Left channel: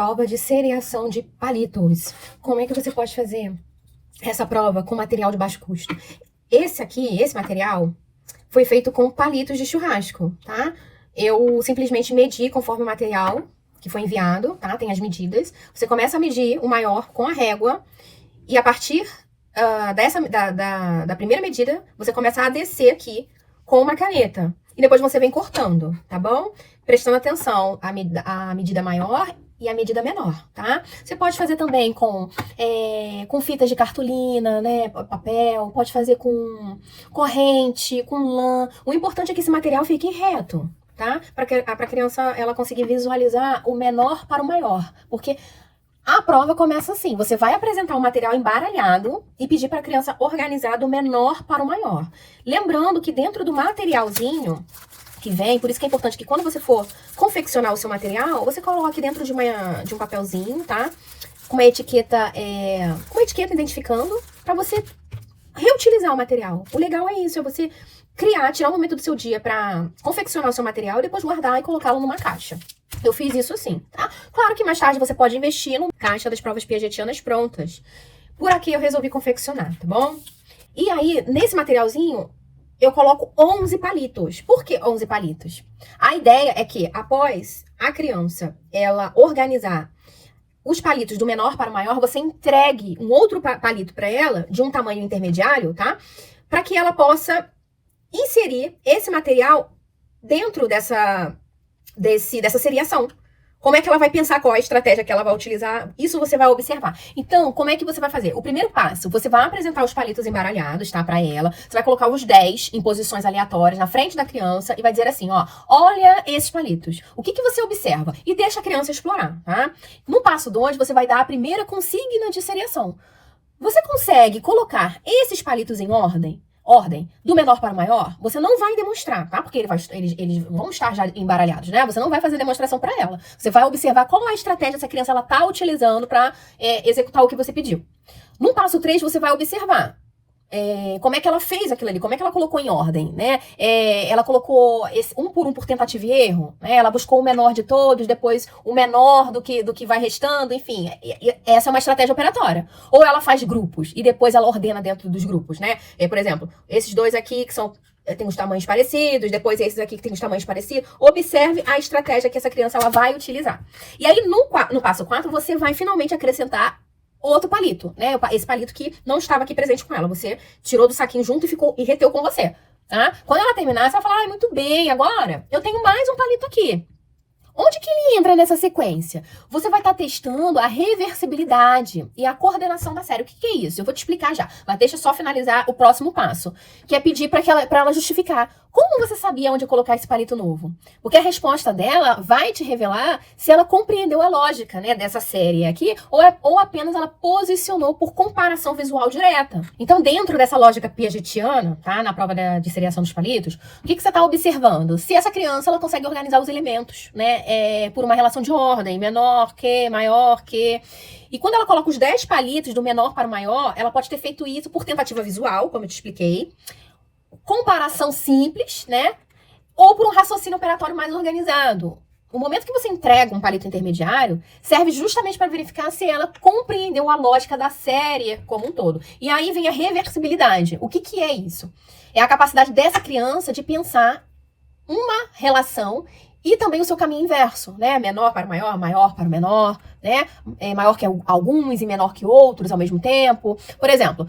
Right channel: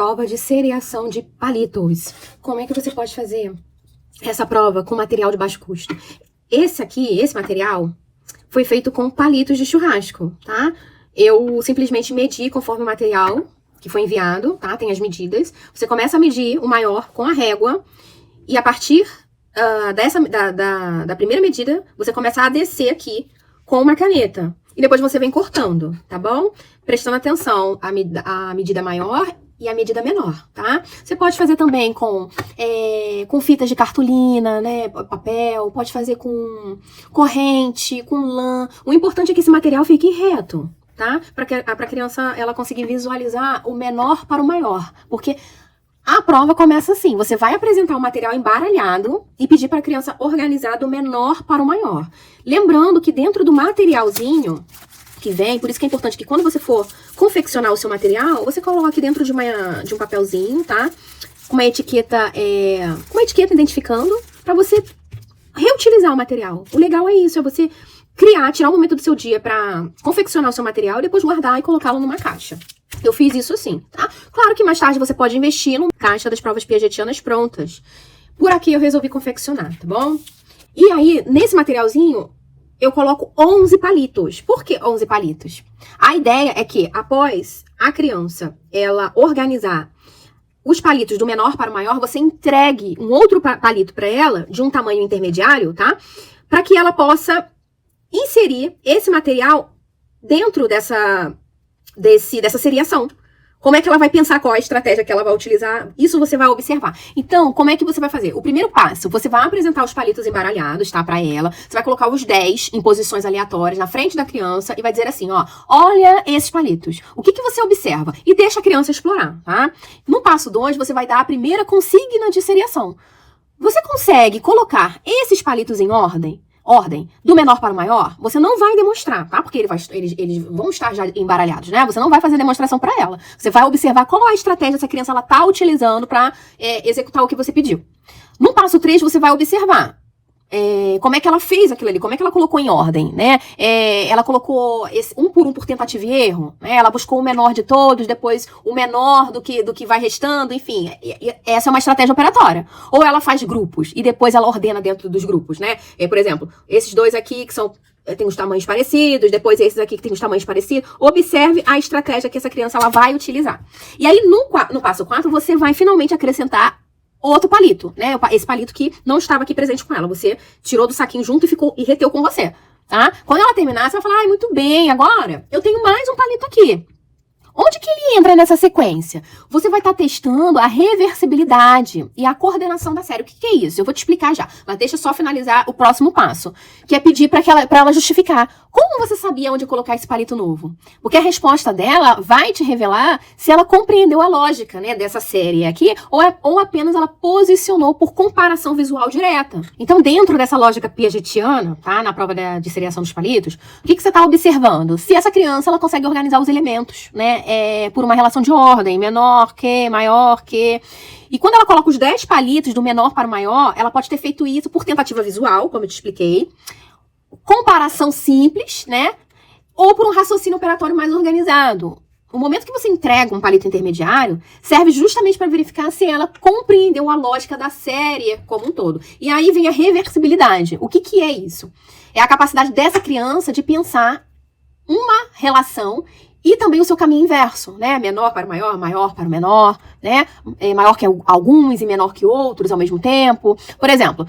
prova de seriação de palitos. Como é que você pode fazer essa prova com material de baixo custo? Esse material, foi feito com palitos de churrasco, tá? Eu simplesmente medi conforme o material que foi enviado, tá? Tem as medidas. Você começa a medir o maior com a régua e a partir da primeira medida, você começa a descer aqui com uma caneta. E depois você vem cortando, tá bom? Prestando atenção à medida maior e a medida menor, tá? Você pode fazer também com fitas de cartolina, né? Papel, pode fazer com corrente, com lã. O importante é que esse material fique reto, tá? Para a criança ela conseguir visualizar o menor para o maior. Porque a prova começa assim, você vai apresentar o material embaralhado e pedir para a criança organizar do menor para o maior. Lembrando que dentro do materialzinho que vem, por isso que é importante que quando você for confeccionar o seu material, você coloque dentro de um papelzinho, tá? Uma etiqueta identificando para você reutilizar o material. O legal é isso, é você tirar um momento do seu dia para confeccionar o seu material e depois guardar e colocá-lo numa caixa. Eu fiz isso assim, tá? Claro que mais tarde você pode investir numa caixa das provas piagetianas prontas. Por aqui eu resolvi confeccionar, tá bom? E aí, nesse materialzinho, eu coloco 11 palitos. Por que 11 palitos? A ideia é que, após a criança, ela organizar os palitos do menor para o maior, você entregue um outro palito para ela, de um tamanho intermediário, tá? Para que ela possa inserir esse material dentro dessa seriação. Como é que ela vai pensar qual a estratégia que ela vai utilizar? Isso você vai observar. Então, como é que você vai fazer? O primeiro passo, você vai apresentar os palitos embaralhados, tá? Pra ela. Você vai colocar os 10 em posições aleatórias na frente da criança e vai dizer assim, ó, olha esses palitos. O que você observa? E deixa a criança explorar, tá? No passo 2, você vai dar a primeira consigna de seriação. Você consegue colocar esses palitos em ordem do menor para o maior, você não vai demonstrar, tá? Porque eles vão estar já embaralhados, né? Você não vai fazer demonstração para ela. Você vai observar qual é a estratégia essa criança ela tá utilizando para executar o que você pediu. No passo 3, você vai observar como é que ela fez aquilo ali, como é que ela colocou em ordem, né? Ela colocou um por tentativa e erro, né? Ela buscou o menor de todos, depois o menor do que vai restando, enfim. Essa é uma estratégia operatória. Ou ela faz grupos e depois ela ordena dentro dos grupos, né? Por exemplo, esses dois aqui que tem os tamanhos parecidos, depois esses aqui que tem os tamanhos parecidos. Observe a estratégia que essa criança ela vai utilizar. E aí, no passo 4, você vai finalmente acrescentar outro palito, né? Esse palito que não estava aqui presente com ela. Você tirou do saquinho junto e reteu com você, tá? Quando ela terminar, você vai falar, muito bem, agora eu tenho mais um palito aqui. Onde que ele entra nessa sequência? Você vai estar testando a reversibilidade e a coordenação da série. O que é isso? Eu vou te explicar já, mas deixa eu só finalizar o próximo passo, que é pedir para ela justificar. Como você sabia onde colocar esse palito novo? Porque a resposta dela vai te revelar se ela compreendeu a lógica, né, dessa série aqui, ou apenas ela posicionou por comparação visual direta. Então, dentro dessa lógica piagetiana, tá, na prova de seriação dos palitos, o que você está observando? Se essa criança ela consegue organizar os elementos, né, por uma relação de ordem, menor que, maior que. E quando ela coloca os 10 palitos do menor para o maior, ela pode ter feito isso por tentativa visual, como eu te expliquei, comparação simples, né? Ou por um raciocínio operatório mais organizado. O momento que você entrega um palito intermediário serve justamente para verificar se ela compreendeu a lógica da série como um todo. E aí vem a reversibilidade. O que é isso? É a capacidade dessa criança de pensar uma relação e também o seu caminho inverso, né? Menor para o maior, maior para o menor, né? Maior que alguns e menor que outros ao mesmo tempo. Por exemplo,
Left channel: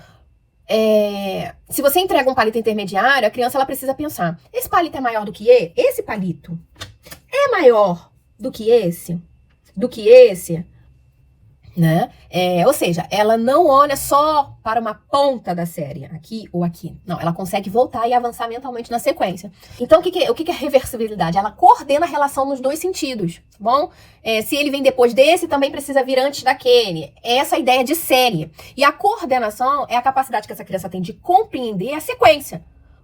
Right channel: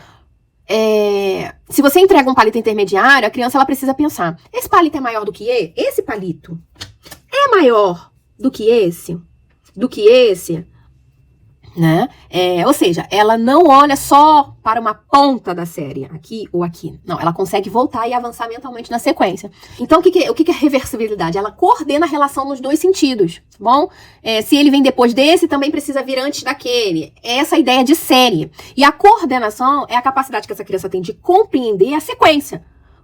se você entrega um palito intermediário, a criança ela precisa pensar, esse palito é maior do que esse palito? É maior do que esse? Né? Ou seja, ela não olha só para uma ponta da série, aqui ou aqui. Não, ela consegue voltar e avançar mentalmente na sequência. Então, o que é reversibilidade? Ela coordena a relação nos dois sentidos, tá bom? Se ele vem depois desse, também precisa vir antes daquele. Essa é a ideia de série. E a coordenação é a capacidade que essa criança tem de compreender a sequência,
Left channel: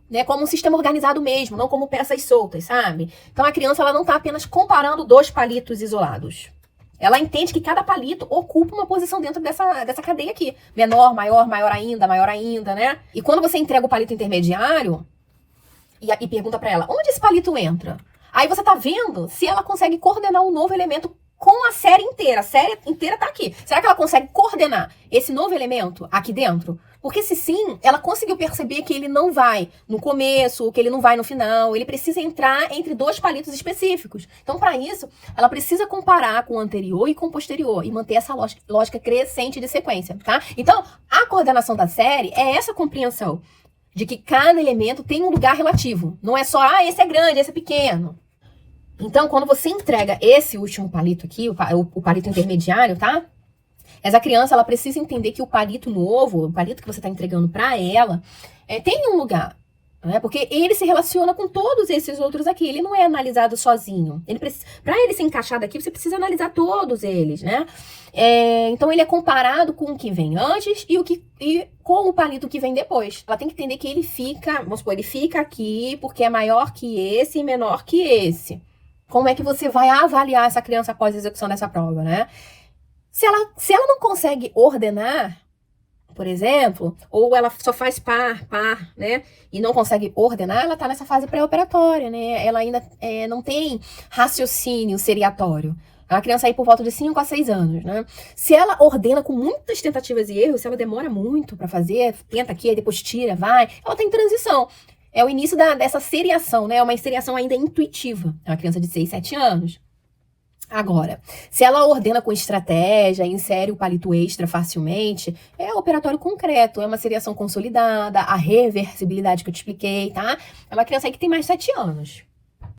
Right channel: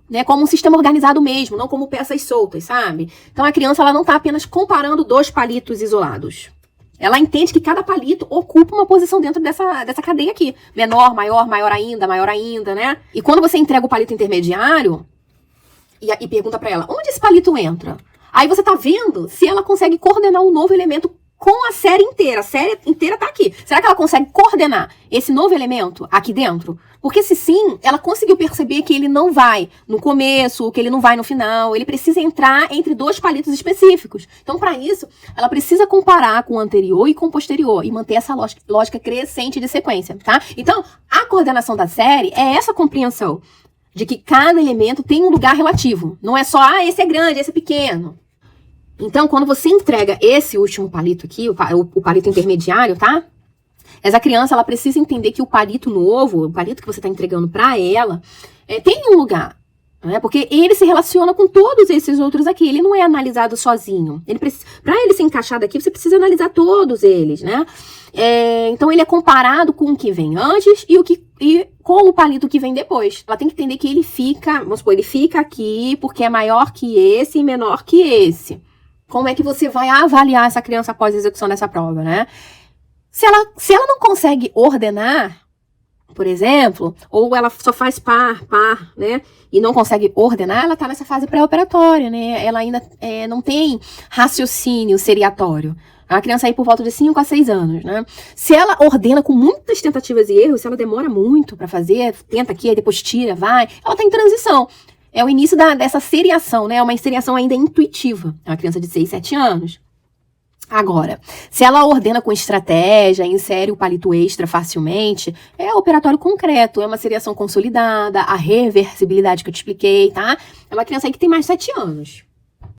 né, como um sistema organizado mesmo, não como peças soltas, sabe? Então, a criança ela não está apenas comparando dois palitos isolados. Ela entende que cada palito ocupa uma posição dentro dessa cadeia aqui. Menor, maior, maior ainda, né? E quando você entrega o palito intermediário e pergunta pra ela, onde esse palito entra? Aí você tá vendo se ela consegue coordenar um novo elemento com a série inteira. A série inteira tá aqui. Será que ela consegue coordenar esse novo elemento aqui dentro? Porque se sim, ela conseguiu perceber que ele não vai no começo, que ele não vai no final, ele precisa entrar entre dois palitos específicos. Então, para isso, ela precisa comparar com o anterior e com o posterior e manter essa lógica crescente de sequência, tá? Então, a coordenação da série é essa compreensão de que cada elemento tem um lugar relativo. Não é só, esse é grande, esse é pequeno. Então, quando você entrega esse último palito aqui, o palito intermediário, tá? Essa criança, ela precisa entender que o palito novo, o palito que você está entregando para ela, tem um lugar, né? Porque ele se relaciona com todos esses outros aqui. Ele não é analisado sozinho. Para ele se encaixar daqui, você precisa analisar todos eles, né? Então, ele é comparado com o que vem antes e com o palito que vem depois. Ela tem que entender que ele fica, vamos supor, ele fica aqui porque é maior que esse e menor que esse. Como é que você vai avaliar essa criança após a execução dessa prova, né? Se ela não consegue ordenar, por exemplo, ou ela só faz par, né? E não consegue ordenar, ela tá nessa fase pré-operatória, né? Ela ainda não tem raciocínio seriatório. A criança aí por volta de 5 a 6 anos, né? Se ela ordena com muitas tentativas e erros, se ela demora muito para fazer, tenta aqui, depois tira, vai, ela tá em transição. É o início dessa seriação, né? É uma seriação ainda intuitiva. É uma criança de 6, 7 anos. Agora, se ela ordena com estratégia, insere o palito extra facilmente, é operatório concreto, é uma seriação consolidada, a reversibilidade que eu te expliquei, tá? É uma criança aí que tem mais de 7 anos.